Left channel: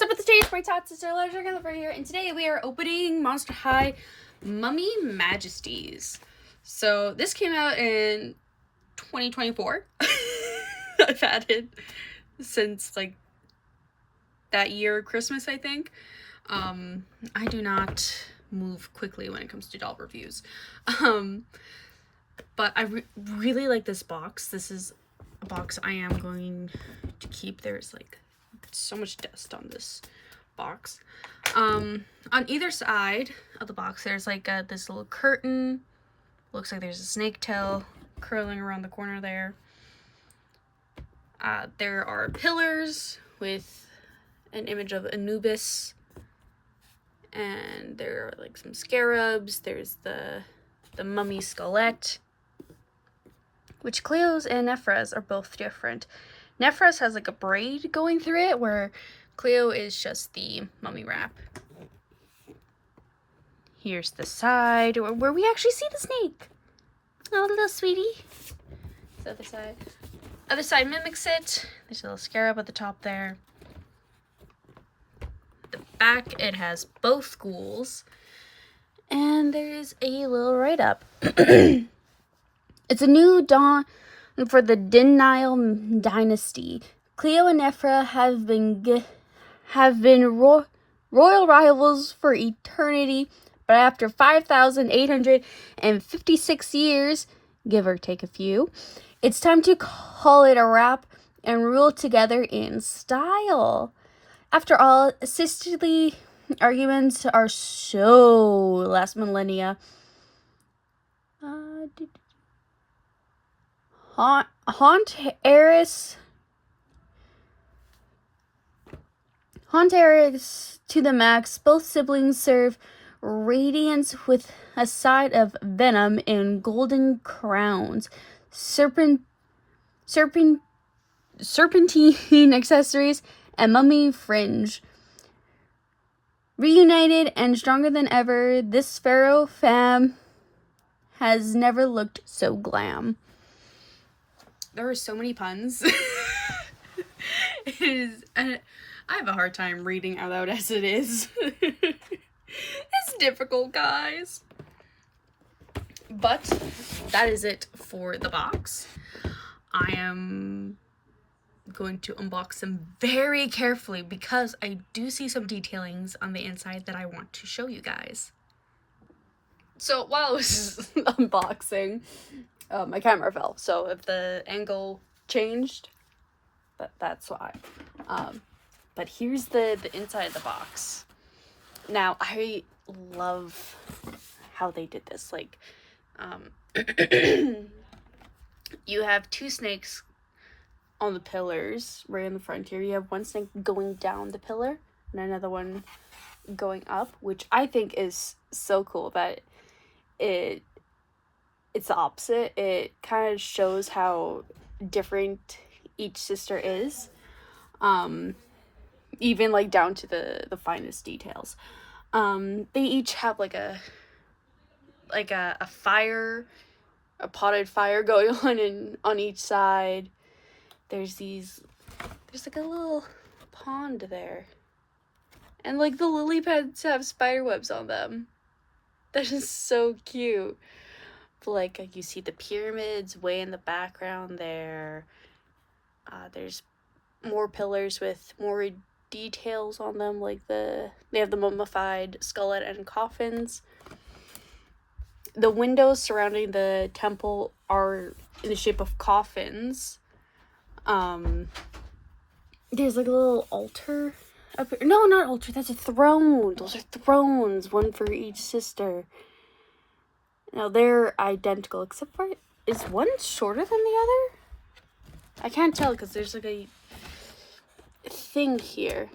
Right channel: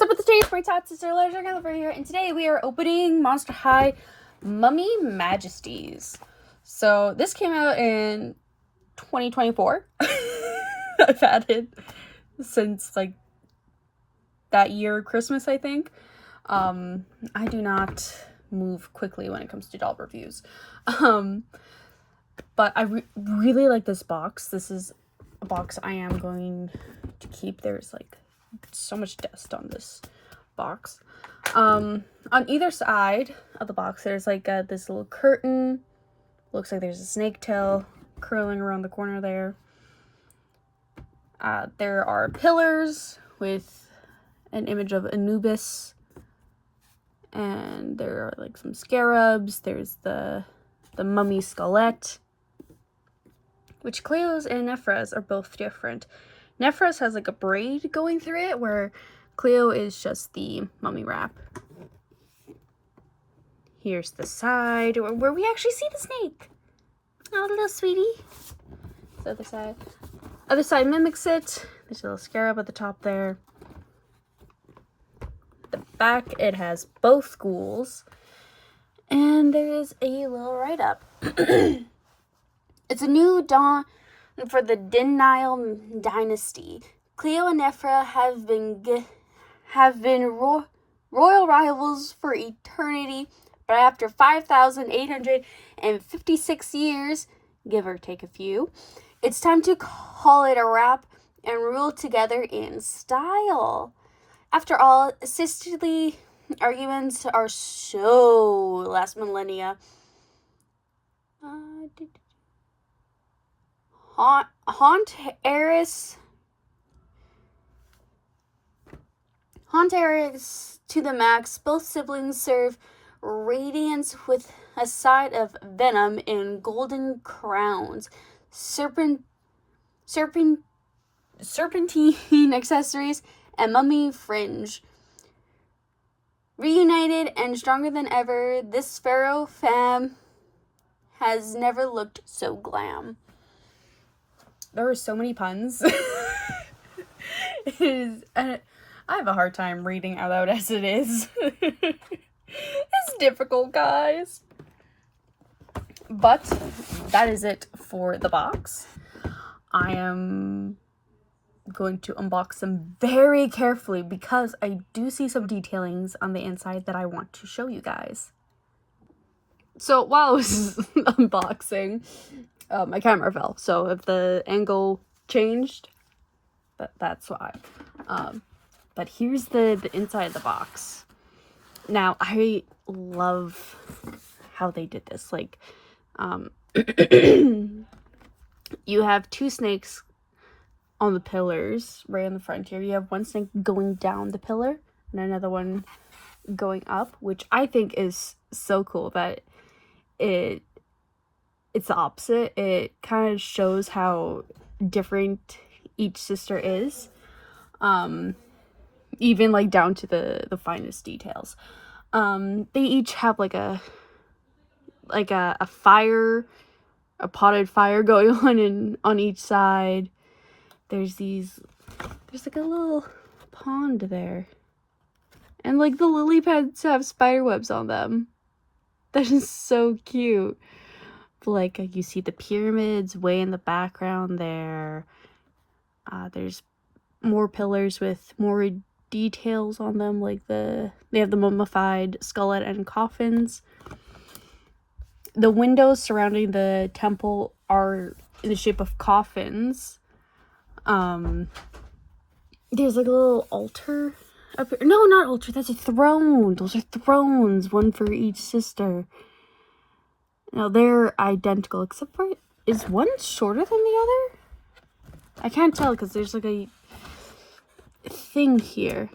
What's up with the day? It's Tots, Sister Leisure Gallifrey here, and today we are opening Monster High Mummy Majesties. So this came out in 2024. I've had it since like that year, Christmas, I think. I do not move quickly when it comes to doll reviews. But I really like this box. This is a box I am going to keep. There's like so much dust on this box. On either side of the box, there's like this little curtain. Looks like there's a snake tail curling around the corner there. There are pillars with an image of Anubis. And there are like some scarabs. There's the mummy skelette, which Cleo's and Nephra's are both different. Nephra's has like a braid going through it, where Cleo is just the mummy wrap. Here's the side where we actually see the snake. Oh, little sweetie. The other side. Other side mimics it. There's a little scarab at the top there. The back, it has both ghouls. And there's a little write-up. It's a new dawn for the Denial dynasty. Cleo and Nephra have been royal rivals for eternity, but after 5,856 years, give or take a few, it's time to call it a wrap and rule together in style. After all, sisterly arguments are so last millennia. Haunt Eris to the max. Both siblings serve radiance with a side of venom in golden crowns, serpentine accessories, and mummy fringe. Reunited and stronger than ever, this pharaoh fam has never looked so glam. There are so many puns. It is. I have a hard time reading out loud as it is. It's difficult, guys. But that is it for the box. I am going to unbox them very carefully because I do see some detailings on the inside that I want to show you guys. So while I was unboxing, my camera fell, so if the angle changed, that's why. But here's the inside of the box. Now, I love how they did this. Like, you have two snakes on the pillars right in the front here. You have one snake going down the pillar and another one going up, which I think is so cool that it's the opposite. It kind of shows how different each sister is. Even like down to the finest details. They each have like a fire, a potted fire going on each side. There's like a little pond there. And like the lily pads have spider webs on them. That is so cute. Like you see the pyramids way in the background there. There's more pillars with more details on them, like they have the mummified skeleton and coffins. The windows surrounding the temple are in the shape of coffins. There's like a little altar up here. No, not altar, that's a throne. Those are thrones, one for each sister. Now they're identical, except for, is one shorter than the other? I can't tell because there's like a thing here.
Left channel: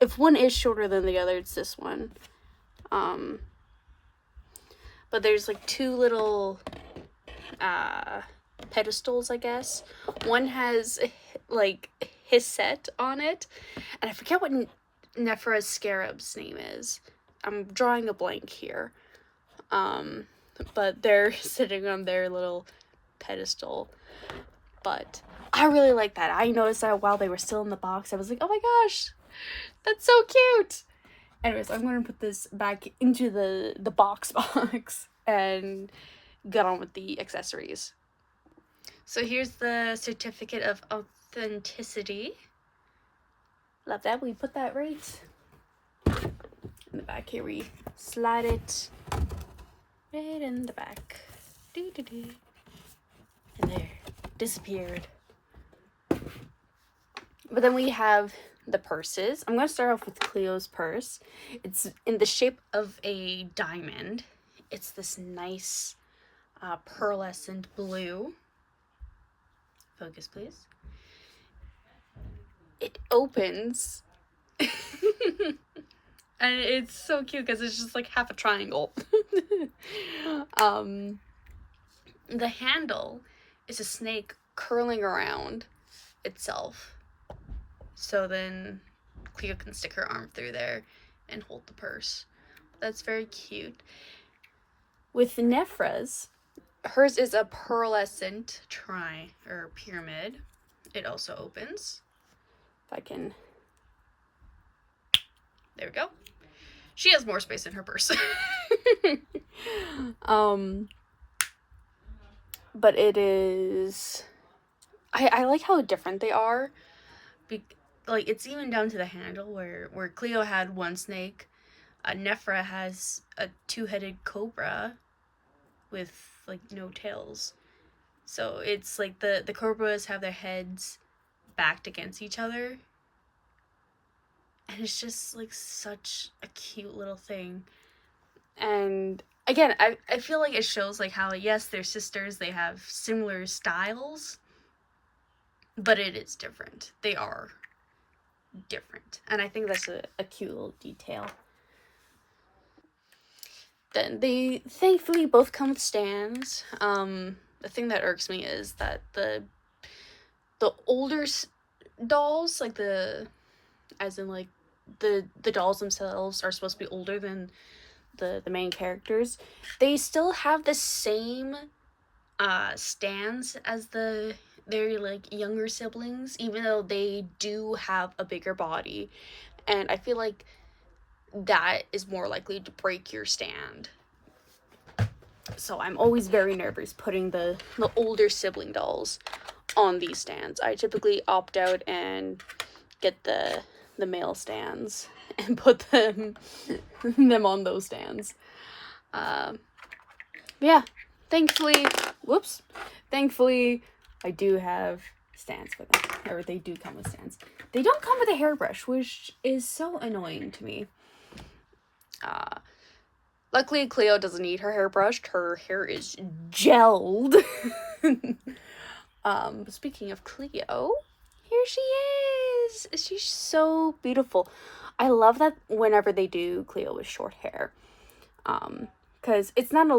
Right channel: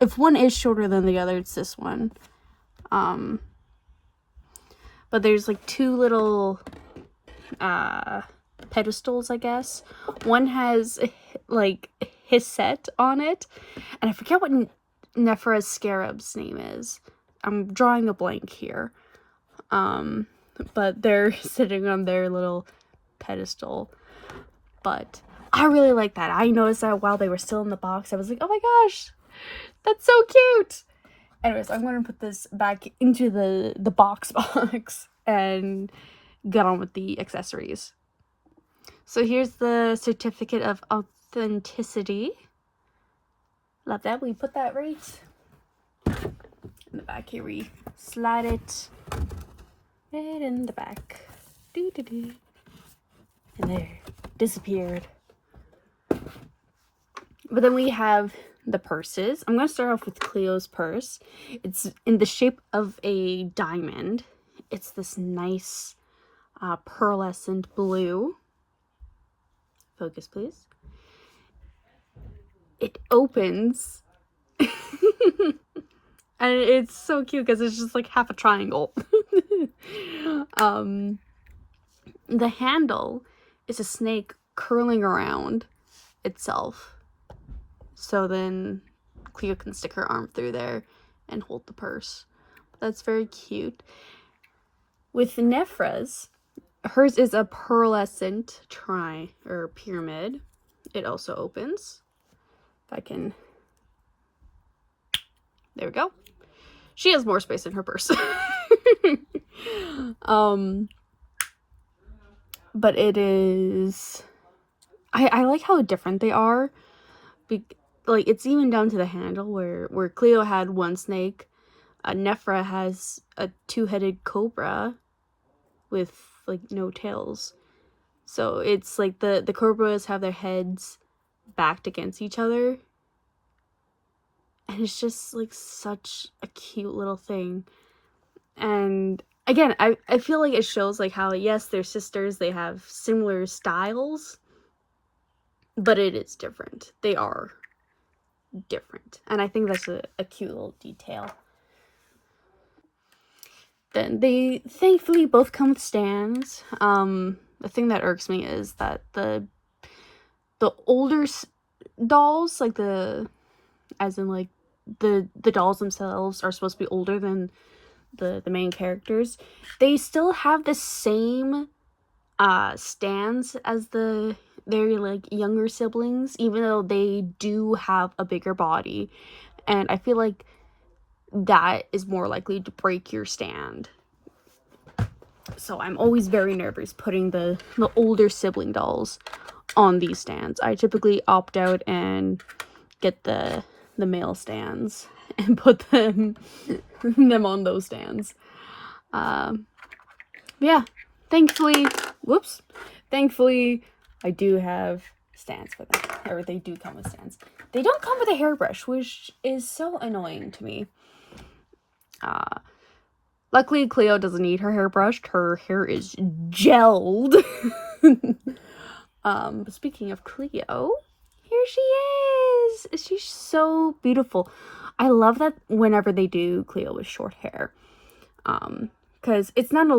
If one is shorter than the other, it's this one. But there's like two little pedestals, I guess. One has like his set on it, and I forget what Nephra's scarab's name is. I'm drawing a blank here. But they're sitting on their little pedestal. But I really like that. I noticed that while they were still in the box. I was like, oh my gosh, that's so cute. Anyways, I'm going to put this back into the box and get on with the accessories. So here's the certificate of authenticity. Love that. We put that right in the back here. We slide it right in the back. Doo -doo -doo. And there, disappeared. But then we have the purses. I'm going to start off with Cleo's purse. It's in the shape of a diamond. It's this nice pearlescent blue. Focus, please. It opens. And it's so cute because it's just like half a triangle. The handle is a snake curling around itself. So then Cleo can stick her arm through there and hold the purse. That's very cute. With Nefra's, hers is a pearlescent pyramid. It also opens. If I can... There we go. She has more space in her purse. But it is... I like how different they are. Like, it's even down to the handle where Cleo had one snake. Nefra has a two-headed cobra with, like, no tails. So it's like the cobras have their heads backed against each other. And it's just, like, such a cute little thing. And, again, I feel like it shows, like, how, yes, they're sisters. They have similar styles. But it is different. They are different. And I think that's a cute little detail. Then they thankfully both come with stands. The thing that irks me is that the older dolls, like the dolls themselves are supposed to be older than the main characters. They still have the same stands as their like younger siblings, even though they do have a bigger body. And I feel like that is more likely to break your stand. So I'm always very nervous putting the older sibling dolls on these stands. I typically opt out and get the male stands and put them on those stands. Yeah, thankfully I do have stands for them, or they do come with stands. They don't come with a hairbrush, which is so annoying to me. Luckily, Cleo doesn't need her hair brushed. Her hair is gelled. But speaking of Cleo, here she is. She's so beautiful. I love that whenever they do Cleo with short hair. Because it's not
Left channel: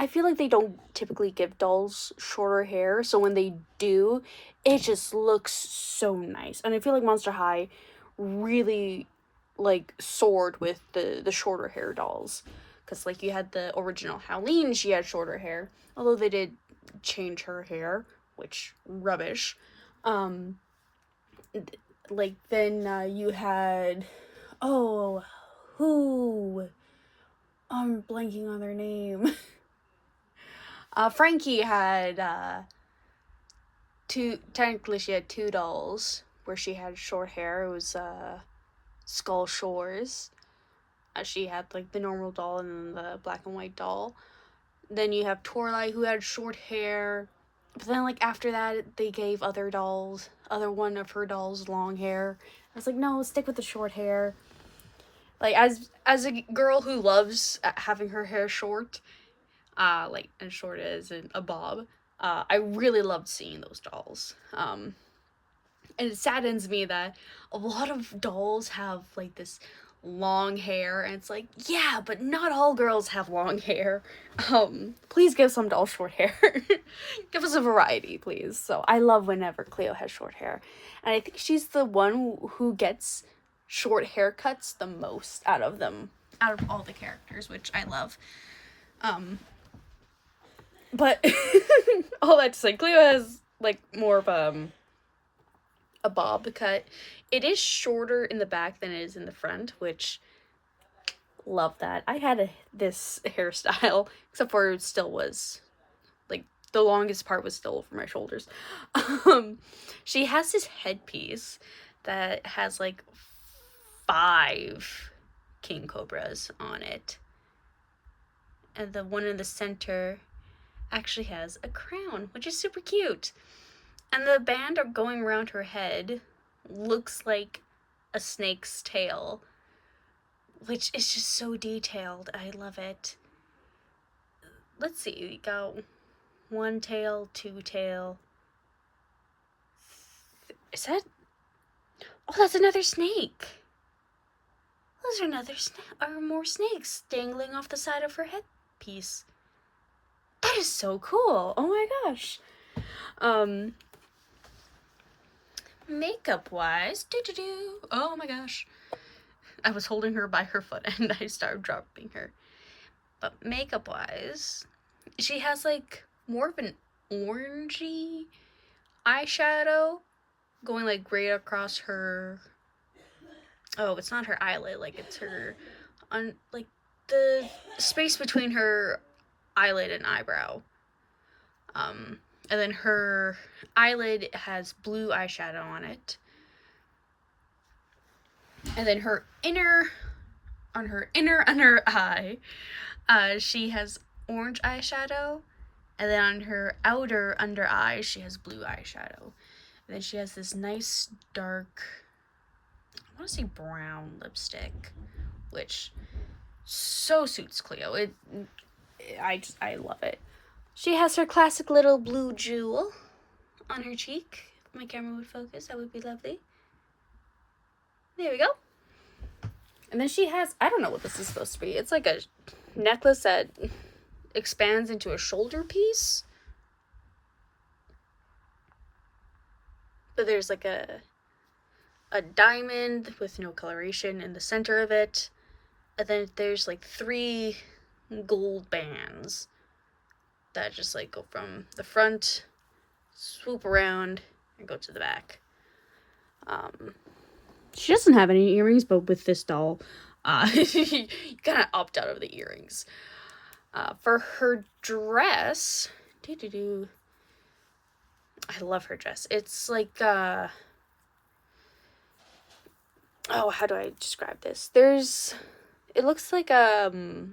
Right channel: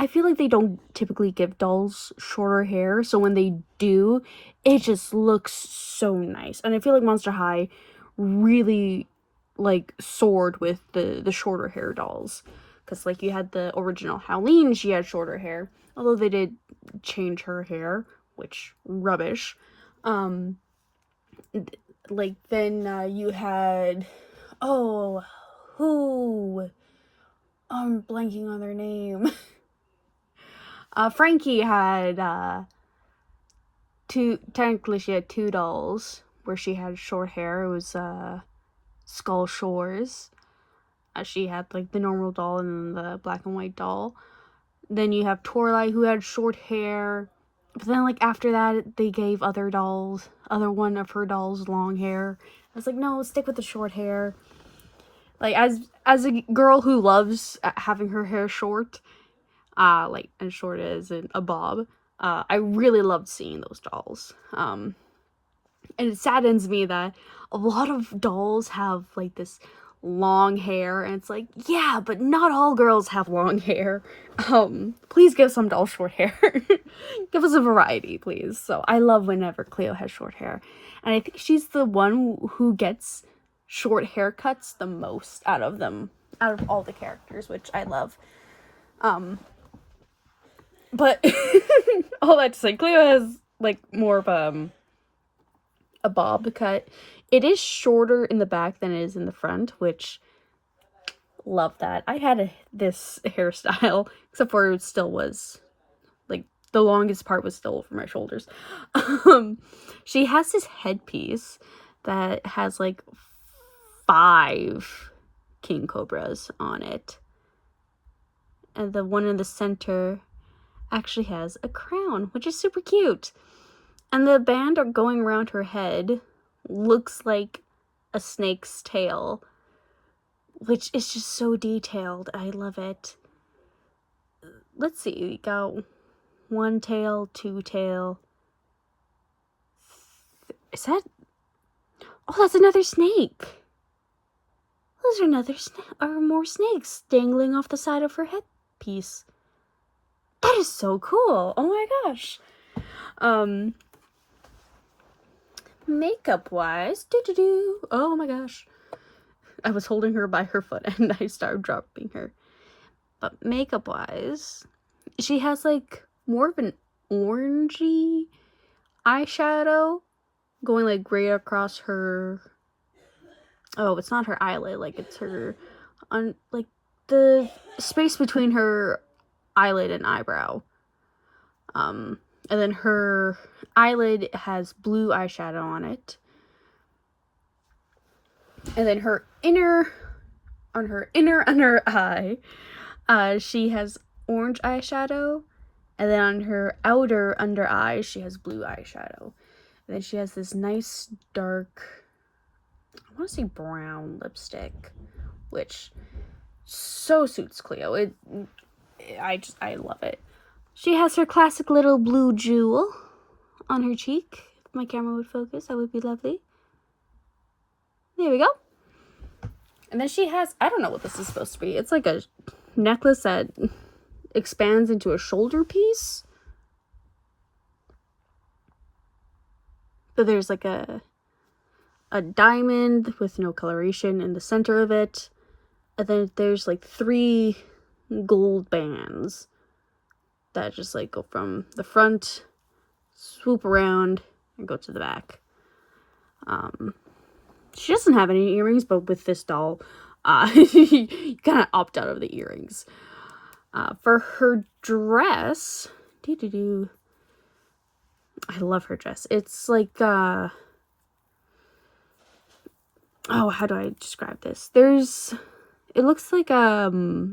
I feel like they don't typically give dolls shorter hair. So when they do, it just looks so nice. And I feel like Monster High really, like, soared with the shorter hair dolls. Because, like, you had the original Howleen, she had shorter hair. Although they did change her hair, which, rubbish. Like, then you had... Oh, who? I'm blanking on their name. Frankie had, technically she had two dolls where she had short hair. It was, Skull Shores. She had, like, the normal doll and then the black and white doll. Then you have Torlai, who had short hair. But then, like, after that, they gave other one of her dolls long hair. I was like, no, stick with the short hair. Like, as a girl who loves having her hair short, like, as short as a bob, I really loved seeing those dolls. And it saddens me that a lot of dolls have, like, this long hair, and it's like, yeah, but not all girls have long hair. Please give some dolls short hair. Give us a variety, please. So I love whenever Cleo has short hair, and I think she's the one who gets short haircuts the most out of all the characters, which I love. But all that to say, Cleo has, like, more of a bob cut. It is shorter in the back than it is in the front, which love that. I had this hairstyle, except for it still was like the longest part was still over my shoulders. She has this headpiece that has like 5 king cobras on it, and the one in the center actually has a crown, which is super cute. And the band going around her head looks like a snake's tail, which is just so detailed. I love it. Let's see, we got 1 tail, 2 tail. Is that? Oh, that's another snake. Those are more snakes dangling off the side of her headpiece. That is so cool. Oh my gosh. Makeup wise, oh my gosh. I was holding her by her foot and I started dropping her. But makeup wise, she has like more of an orangey eyeshadow going like right across her. Oh, it's not her eyelid, like it's her like the space between her eyelid and eyebrow. And then her eyelid has blue eyeshadow on it. And then her under eye, she has orange eyeshadow. And then on her outer under eye, she has blue eyeshadow. And then she has this nice dark, I want to say brown lipstick, which so suits Cleo. I love it. She has her classic little blue jewel on her cheek. If my camera would focus, that would be lovely. There we go. And then she has, I don't know what this is supposed to be. It's like a necklace that expands into a shoulder piece. But there's like a diamond with no coloration in the center of it. And then there's like 3 gold bands that just like go from the front, swoop around, and go to the back. She doesn't have any earrings, but with this doll, you kind of opt out of the earrings. For her dress, I love her dress. It's like, oh, how do I describe this? It looks like, oh,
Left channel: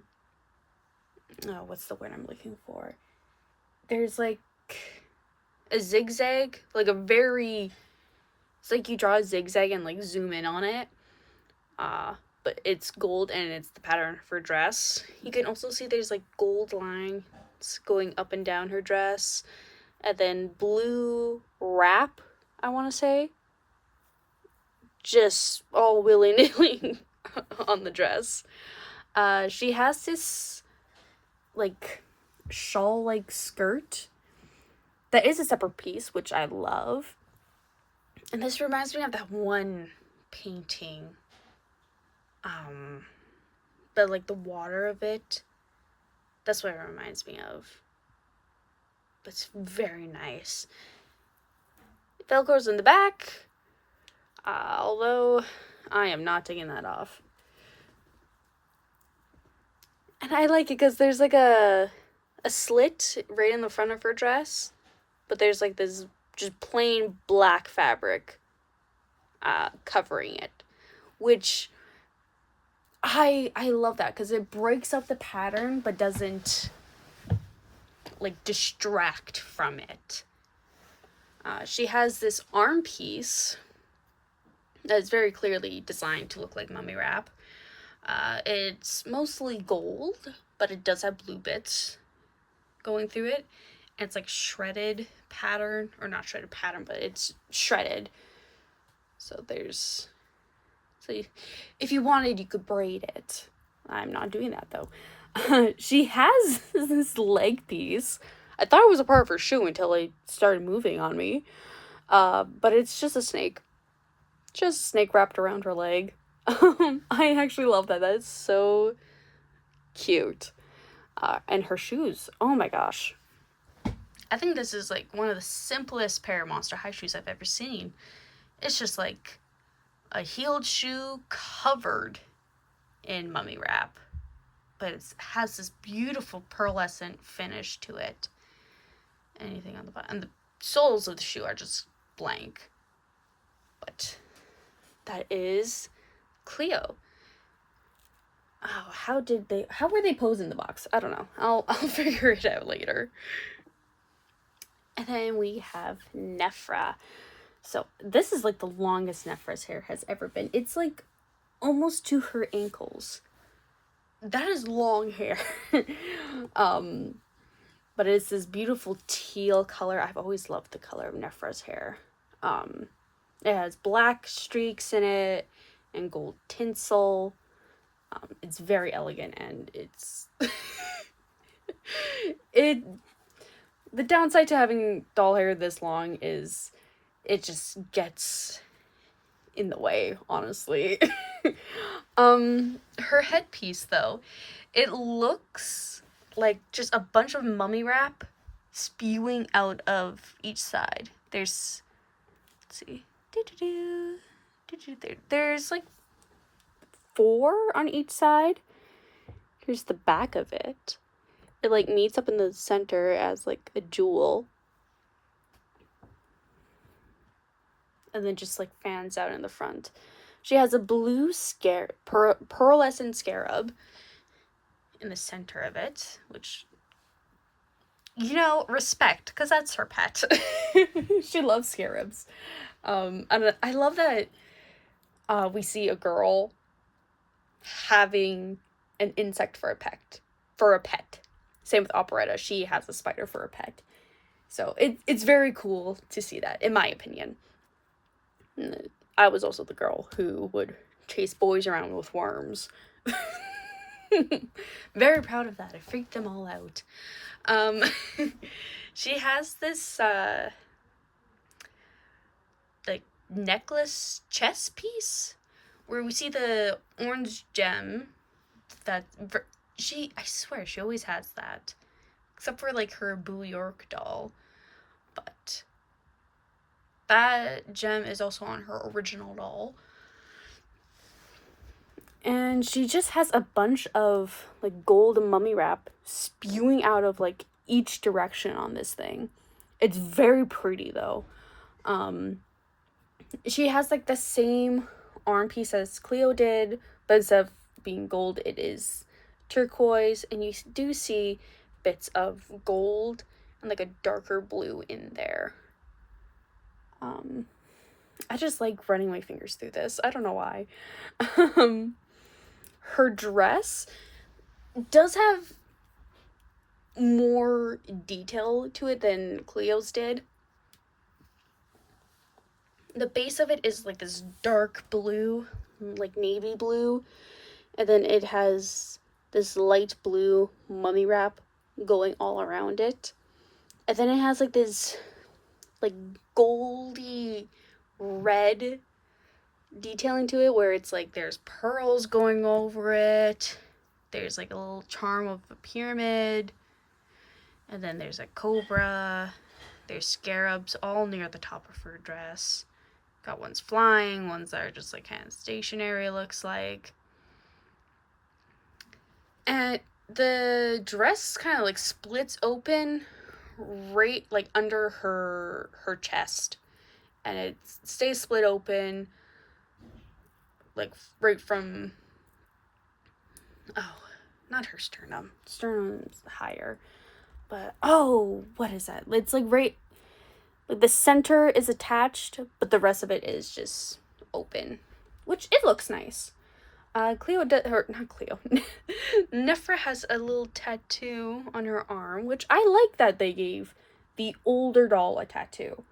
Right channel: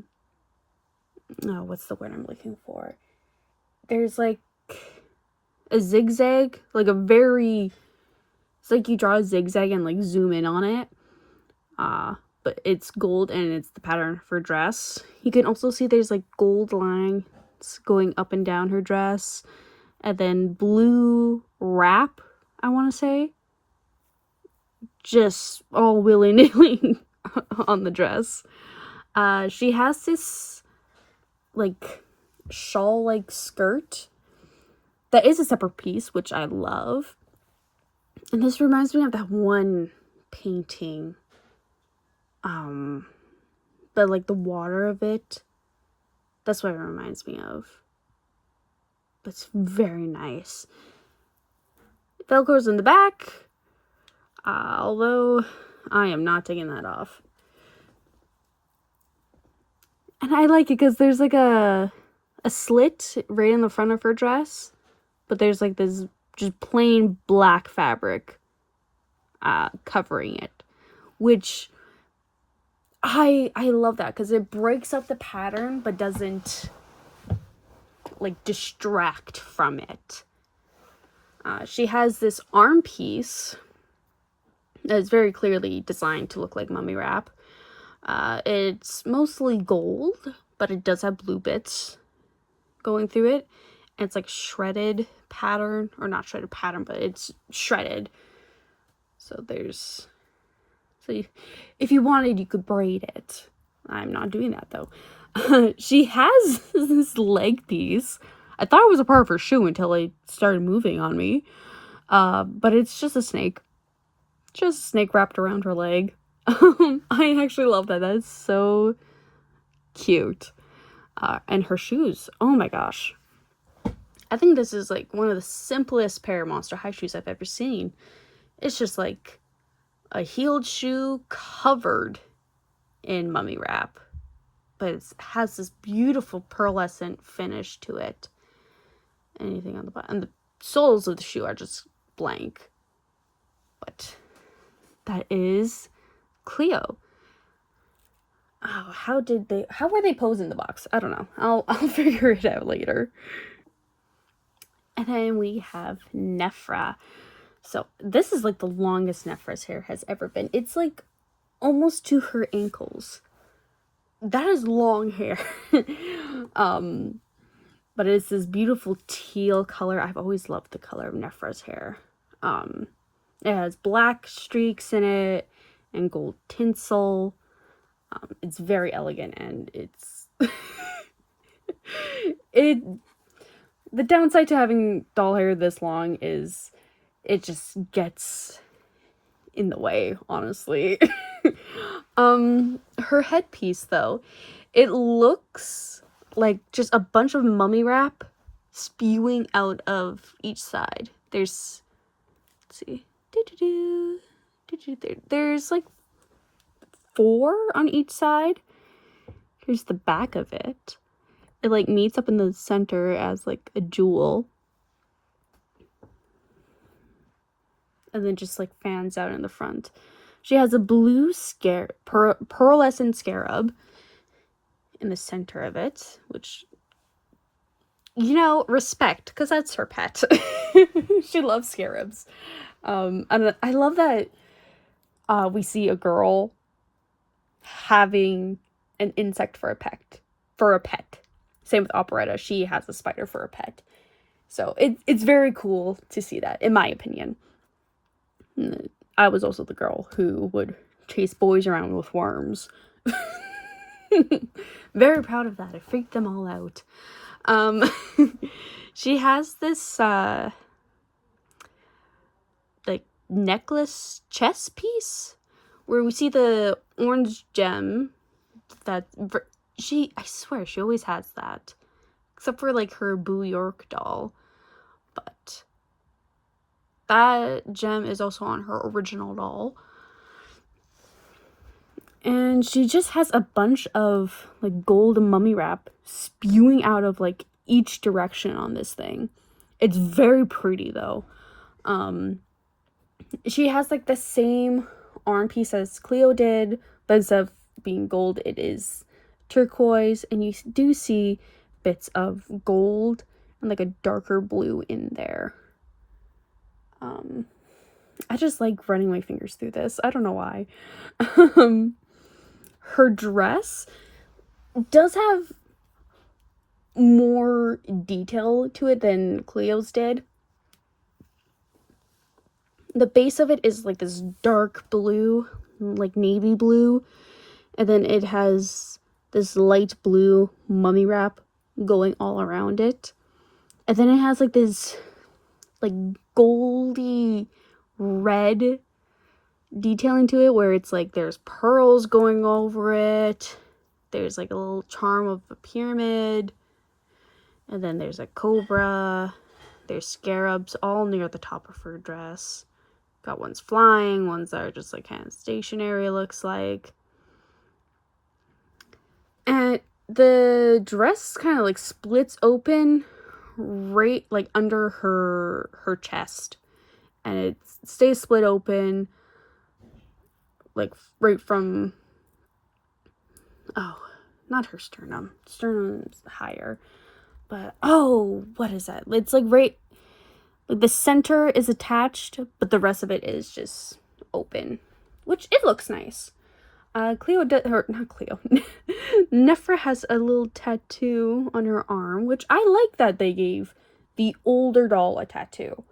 what's the word I'm looking for? There's like a zigzag, like it's like you draw a zigzag and like zoom in on it. But it's gold and it's the pattern for dress. You can also see there's like gold lines going up and down her dress. And then blue wrap, I want to say. Just all willy-nilly on the dress. She has this like shawl-like skirt that is a separate piece, which I love. And this reminds me of that one painting. But like the water of it, that's what it reminds me of. But it's very nice. Velcro's in the back, although I am not taking that off. And I like it because there's like a slit right in the front of her dress, but there's like this just plain black fabric covering it, which I love that because it breaks up the pattern but doesn't like distract from it. She has this arm piece that is very clearly designed to look like mummy wrap. It's mostly gold, but it does have blue bits going through it. And it's like shredded pattern, or not shredded pattern, but it's shredded. So if you wanted, you could braid it. I'm not doing that though. She has this leg piece. I thought it was a part of her shoe until it started moving on me. But it's just a snake. Just a snake wrapped around her leg. I actually love that. That is so cute. And her shoes. Oh my gosh. I think this is like one of the simplest pair of Monster High shoes I've ever seen. it's just like a heeled shoe covered in mummy wrap, but it has this beautiful pearlescent finish to it. Anything on the bottom, and the soles of the shoe are just blank. But that is Cleo. Oh, how were they posed in the box? I don't know. I'll figure it out later. And then we have Nephra. So this is like the longest Nephra's hair has ever been. It's like almost to her ankles. That is long hair. But it's this beautiful teal color. I've always loved the color of Nephra's hair. It has black streaks in it and gold tinsel. It's very elegant, and it's the downside to having doll hair this long is it just gets in the way, honestly. Her headpiece, though, it looks like just a bunch of mummy wrap spewing out of each side. There's, let's see, there's like 4 on each side. Here's the back of it. It like meets up in the center as like a jewel, and then just like fans out in the front. She has a blue pearlescent scarab in the center of it, which, you know, respect, because that's her pet. She loves scarabs. And I love that we see a girl having an insect for a pet. Same with Operetta. She has a spider for a pet. So it's very cool to see that, in my opinion. I was also the girl who would chase boys around with worms. Very proud of that. I freaked them all out. She has this like necklace chess piece where we see the orange gem that I swear she always has that, except for like her Boo York doll. But that gem is also on her original doll. And she just has a bunch of like gold mummy wrap spewing out of like each direction on this thing. It's very pretty though. She has like the same arm piece as Cleo did, but instead of being gold, it is turquoise, and you do see bits of gold and like a darker blue in there. I just like running my fingers through this. I don't know why. Her dress does have more detail to it than Cleo's did. The base of it is like this dark blue, like navy blue, and then it has this light blue mummy wrap going all around it. And then it has like this like goldy red detailing to it where it's like there's pearls going over it. There's like a little charm of a pyramid. And then there's a cobra. There's scarabs all near the top of her dress. Got ones flying, ones that are just like kind of stationary, looks like. And the dress kind of like splits open right like under her chest, and it stays split open like right from, oh, not her sternum's higher, but what is that? It's like right, like the center is attached, but the rest of it is just open, which it looks nice. Nephra has a little tattoo on her arm, which I like that they gave the older doll a tattoo.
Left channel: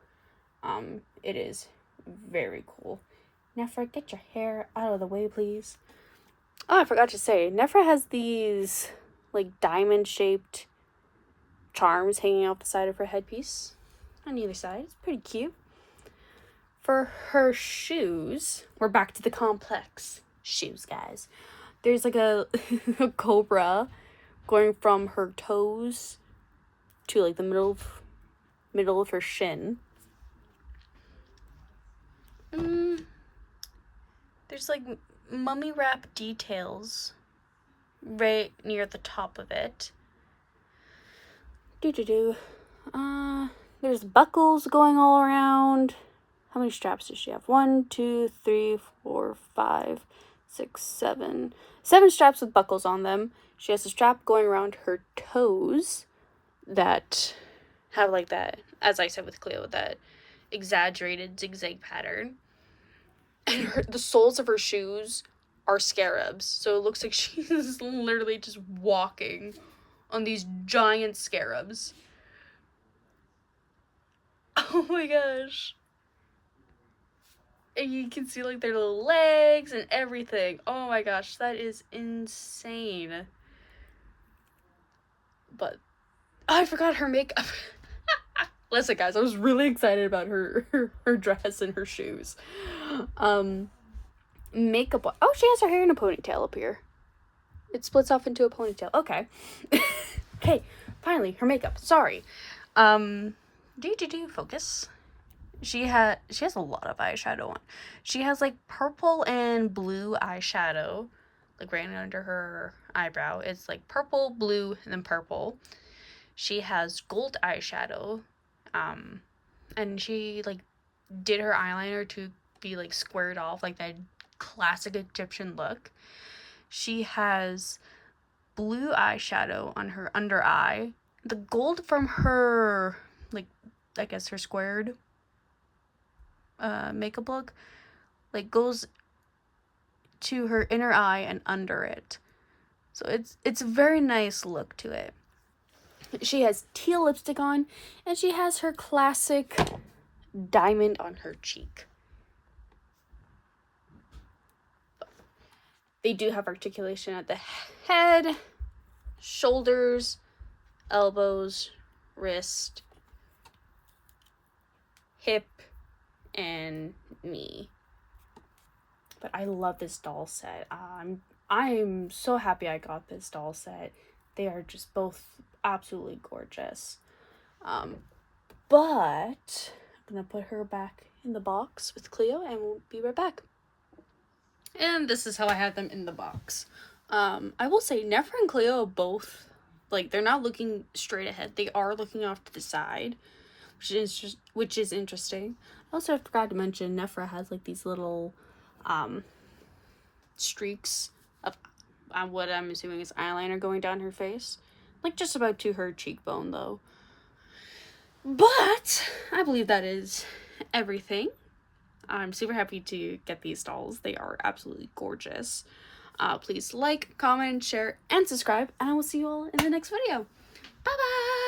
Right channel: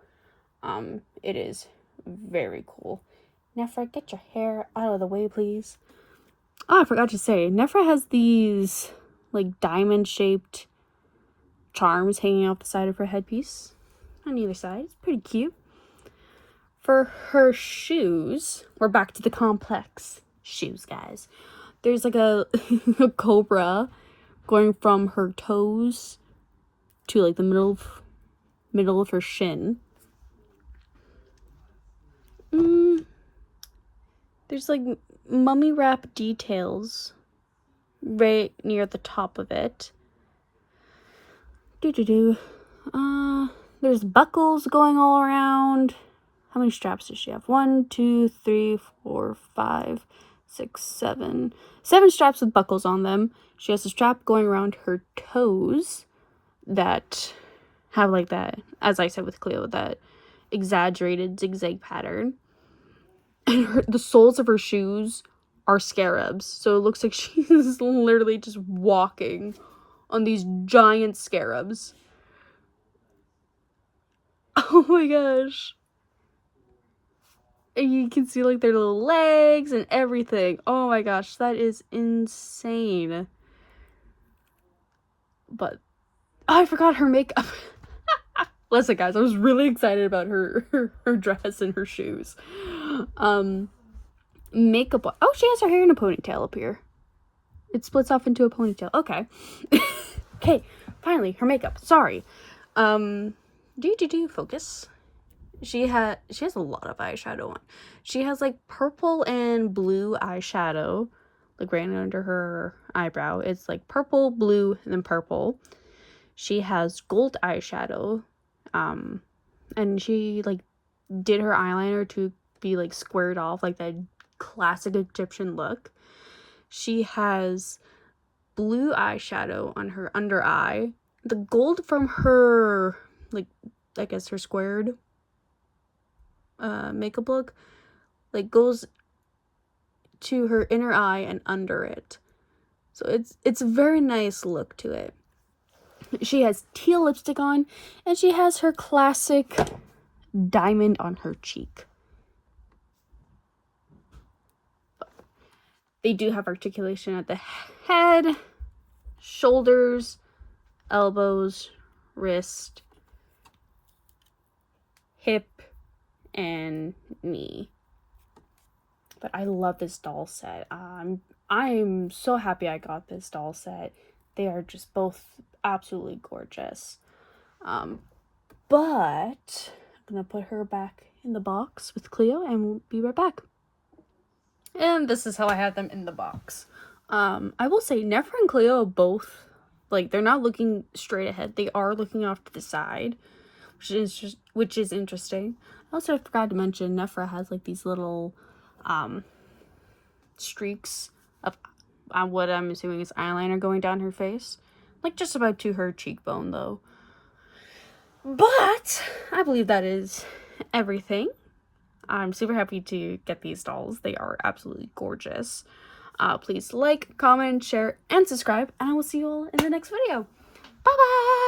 It is very cool. Nephra, get your hair out of the way, please. Oh, I forgot to say, Nephra has these like diamond-shaped charms hanging off the side of her headpiece on either side. It's pretty cute. For her shoes, we're back to the complex shoes, guys. There's like a cobra going from her toes to like the middle of her shin. There's like mummy wrap details right near the top of it. There's buckles going all around. How many straps does she have? 1, 2, 3, 4, 5, 6, 7. 7 straps with buckles on them. She has a strap going around her toes that have like that, as I said with Cleo, that exaggerated zigzag pattern. And the soles of her shoes are scarabs. So it looks like she's literally just walking on these giant scarabs. Oh my gosh. And you can see like their little legs and everything. Oh my gosh, that is insane. But I forgot her makeup. Listen guys, I was really excited about her dress and her shoes. Makeup. Oh, she has her hair in a ponytail up here. It splits off into a ponytail. Okay. Okay, finally, her makeup. Sorry. Focus. She has a lot of eyeshadow on. She has like purple and blue eyeshadow, like right under her eyebrow. It's like purple, blue, and then purple. She has gold eyeshadow, and she like did her eyeliner to be like squared off, like that classic Egyptian look. She has blue eyeshadow on her under eye. The gold from her, like, I guess her squared makeup look, like, goes to her inner eye and under it. So it's a very nice look to it. She has teal lipstick on, and she has her classic diamond on her cheek. They do have articulation at the head, shoulders, elbows, wrist, hip, and knee. But I love this doll set. I'm so happy I got this doll set. They are just both absolutely gorgeous. But I'm gonna put her back in the box with Cleo and we'll be right back. And this is how I have them in the box. I will say Nefra and Cleo both, like, they're not looking straight ahead. They are looking off to the side, which is interesting. Also, I forgot to mention Nefra has like these little streaks of what I'm assuming is eyeliner going down her face, like just about to her cheekbone though. But I believe that is everything. I'm super happy to get these dolls. They are absolutely gorgeous. Please like, comment, share, and subscribe, and I will see you all in the next video. Bye bye.